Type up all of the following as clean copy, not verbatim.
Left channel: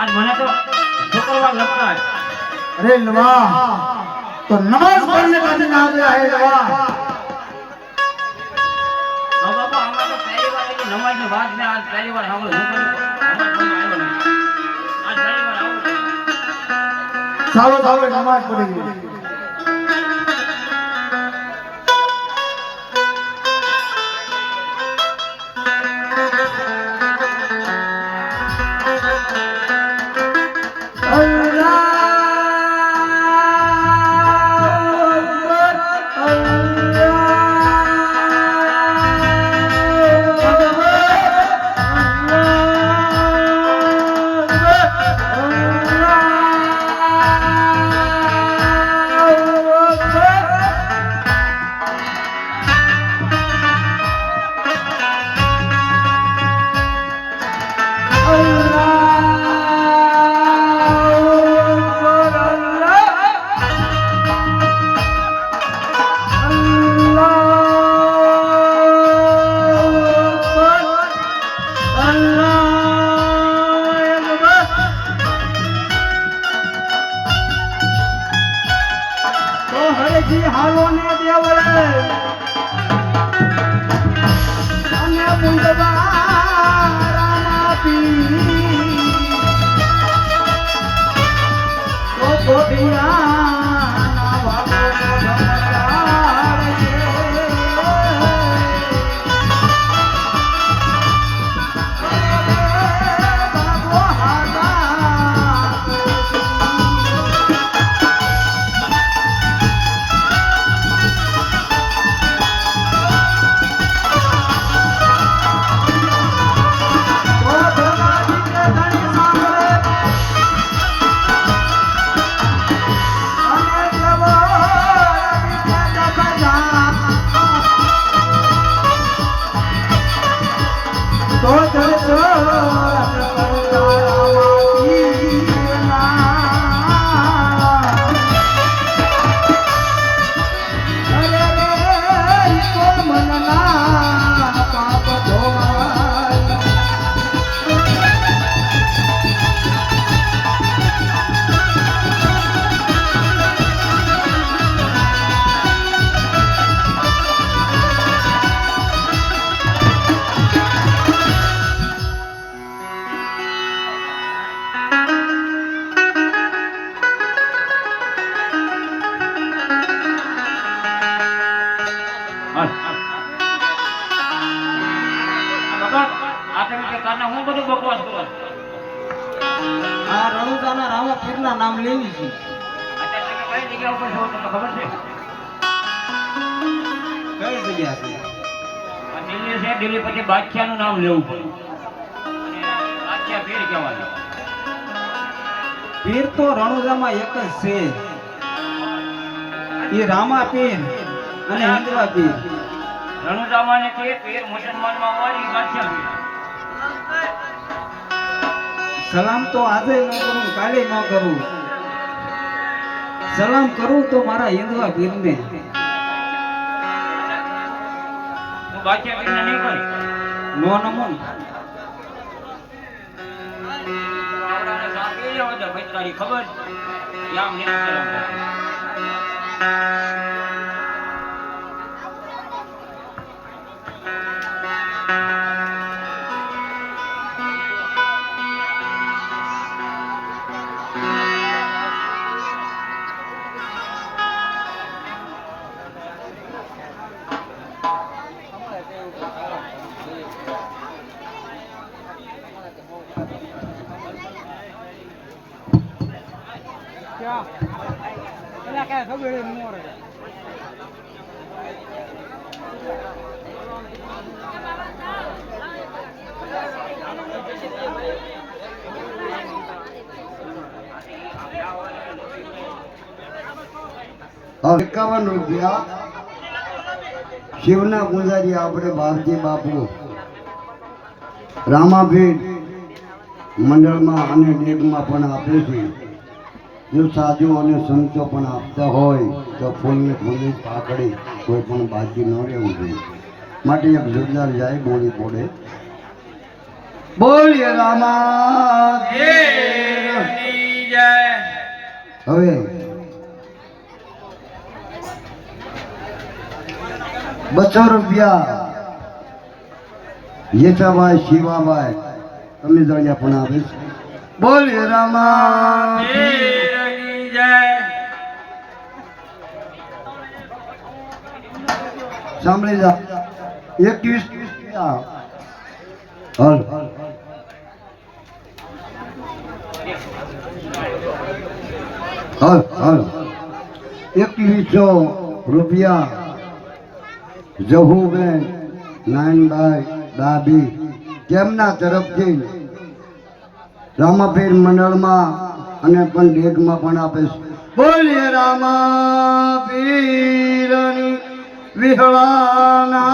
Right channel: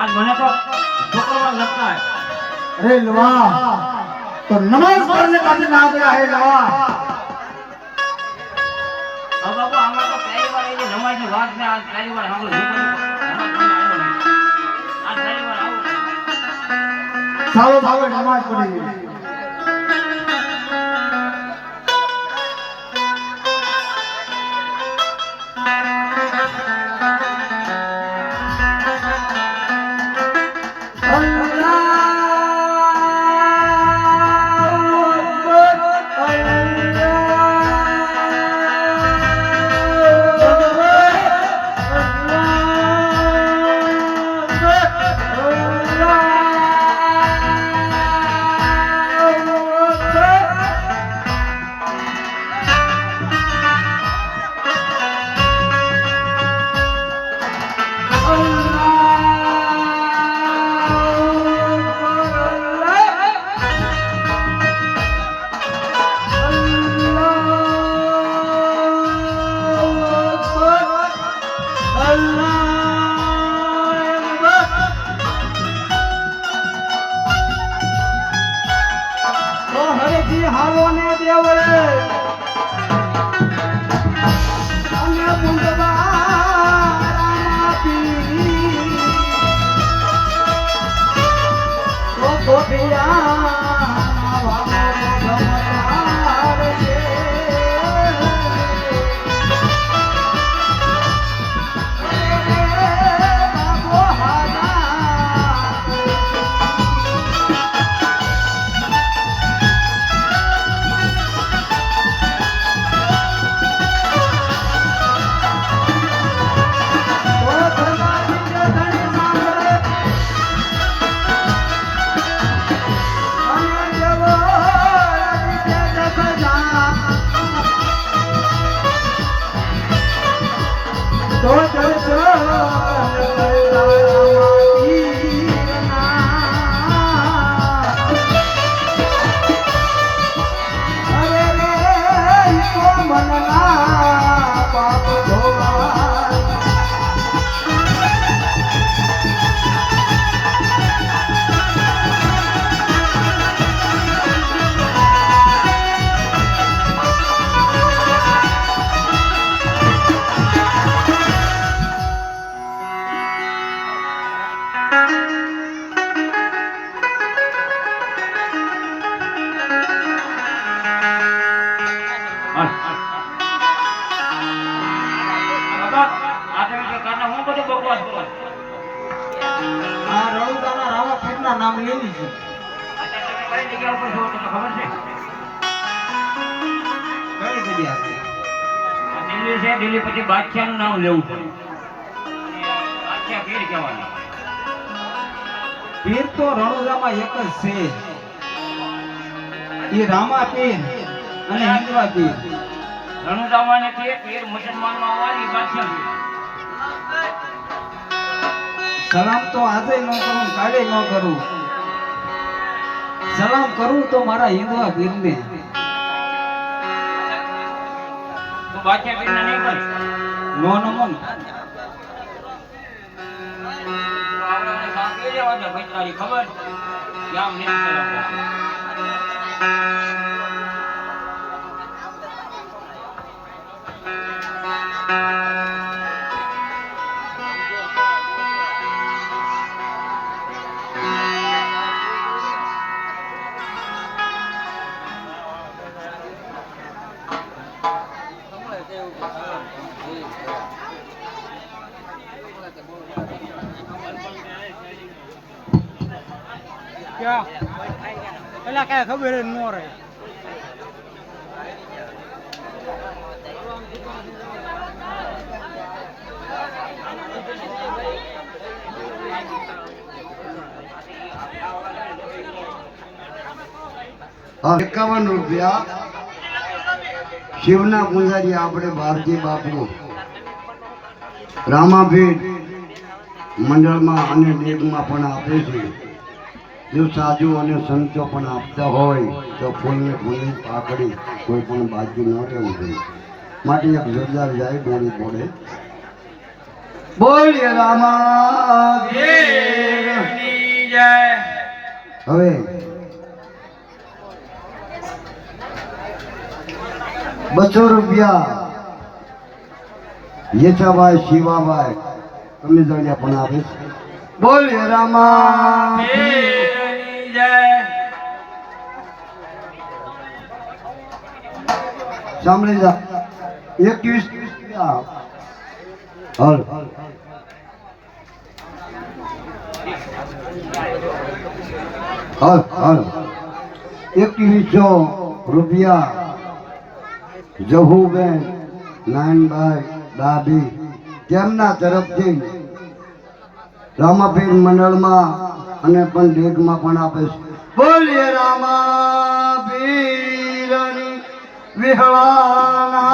आज મને તો शुक्रवार लगता है। अरे लवा तो नमाज पढ़ने का दिन आ गया है लवा। अब बाबा हमारा तो पहली बार ये नमाज की बात में आज पहली बार हम लोग आज पहली बार आओ सालो सालो नमाज पढ़ेंगे। નામ લેવી છે કઈ જગ્યા છે દિલ્હી છે દિલ્હી પછી બાદશાહનું નામ લેવું પડે બાદશાહ પીર કહેવાના પીર તો રણુજામાં એક જ છે એ રામા પીર અને હિંદવા પીર રણુજામાં ને પીર મુસલમાનમાં હોય એ બાદશાહ પીર સલામ તો આજે ન કરું કાલે ન કરું સલામ કરું તો મારા હિંદવા પીરને બાદશાહ પીરને નહીં કરી નો નમન ખબર યામ નહીં સલામ क्या पहला क्या खबर है नो रे ₹51 શિવના પૂજારી આપણે ભારતી બાપુ રામાપીર મંડળમાં અને દેગમાં પણ આપે છે. જો સાધુ અને સંતો પણ આપતા હોય તો ફૂલને ફૂલની પાકડી કોઈ પણ બાજુ ન રહેવું જોઈએ. માટે એક જોરદાર જાય બોલી બોલે બોલીએ રામા. હવે ₹200 યેસાભાઈ શિવાભાઈ તમે જાણ્યા પણ આપીશ. બોલીએ રામા. સાંભળી જા 21 હલ ₹2100 જહુબેન નાનભાઈ ડાબી તેમના તરફથી રામાપીર મંડળમાં અને પણ ડેગમાં પણ આપે છે. બોલીએ રામાપીરની વિહળાનાથ.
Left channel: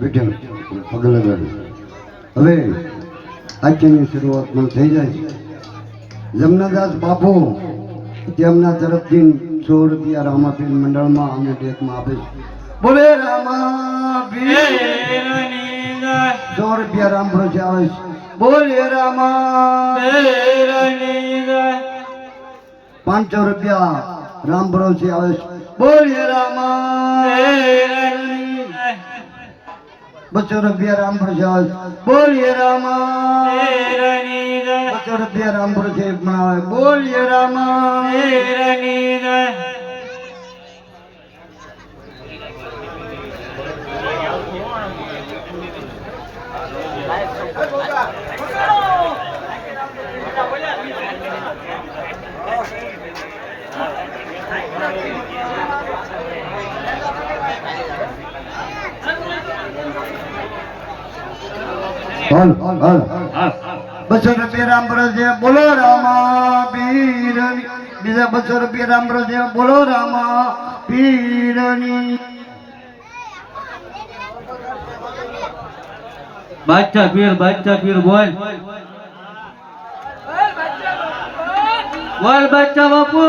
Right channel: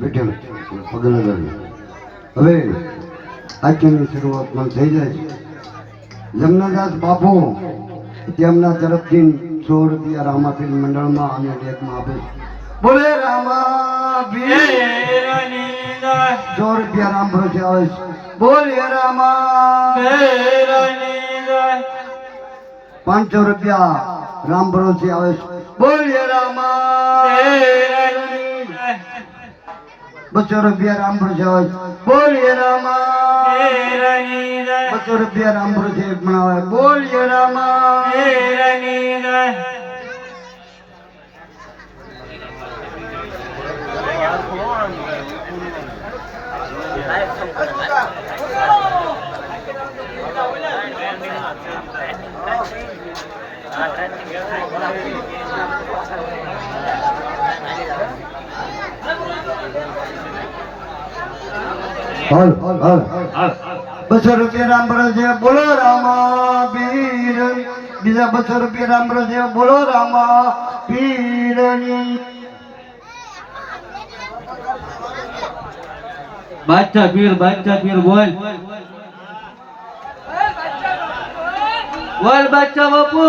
બેઠે પગલ હવે આજની શરૂઆત પણ થઈ જાય છે. જમનાદાસ બાપુ તેમના તરફથી ₹100 રામાપીર મંડળમાં અને ડેકમાં આપે છે. બોલે રામાપીર ₹100 રામ ભરોસે આવે છે. બોલે રામાપીર ₹500 રામ ભરોસે આવે છે. બોલે રામાપીર ₹200 રામ ભરોસે આવે છે. બોલે રામાપીર ₹200 રામ ભરોસે પણ આવે. બોલે રામાપીર. ₹200 રામ ભરોસે બોલો રામાપીર. બીજા ₹200 રામ ભરોસે બોલો રામાપીરની. બાદશાહ પીર બોલ બોલ બાદશાહ બાપુ.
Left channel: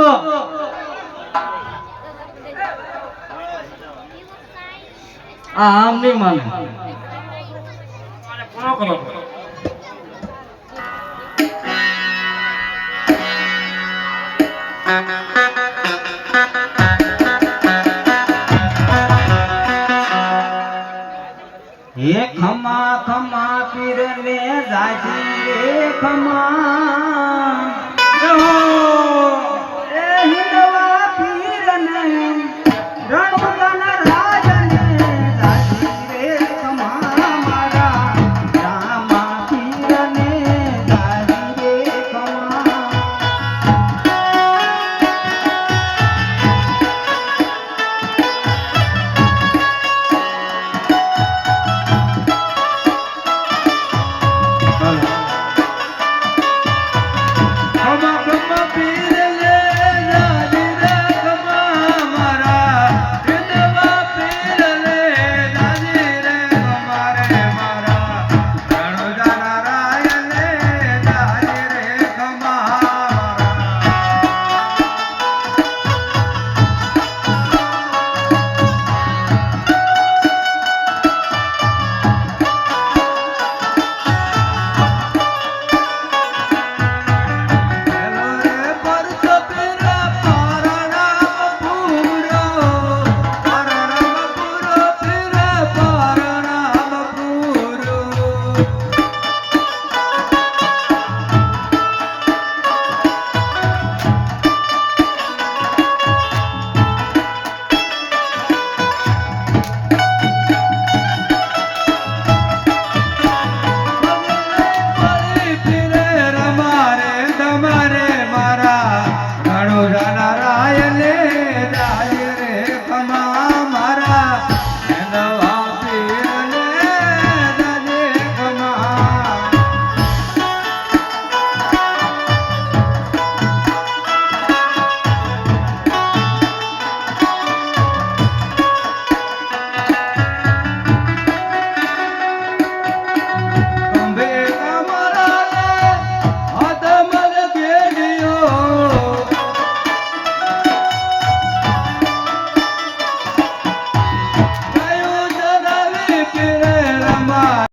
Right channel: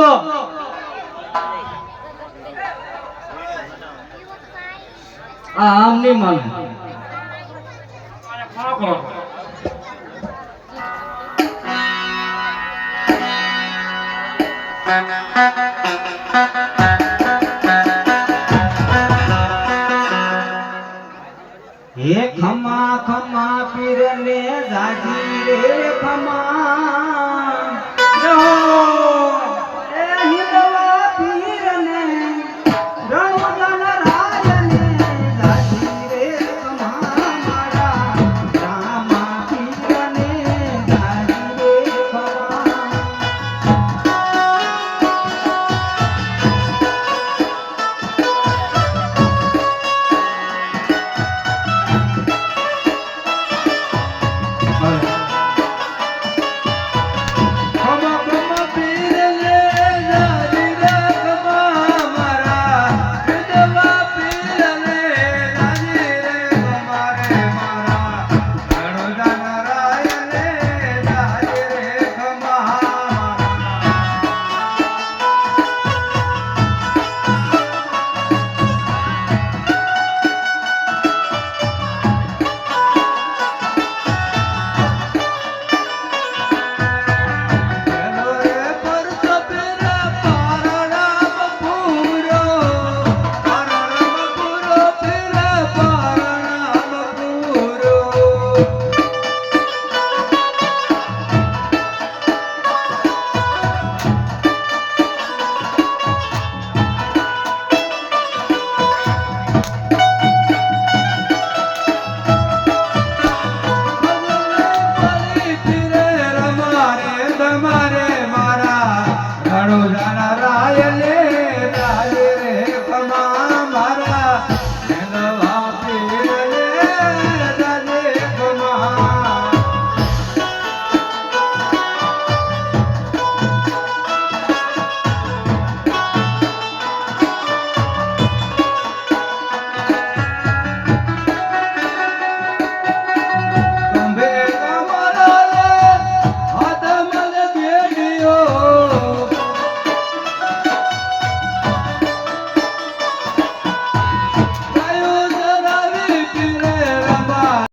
આમ નહીં માને. હે ખમા ખમા પીર ને જાજી રે ખમા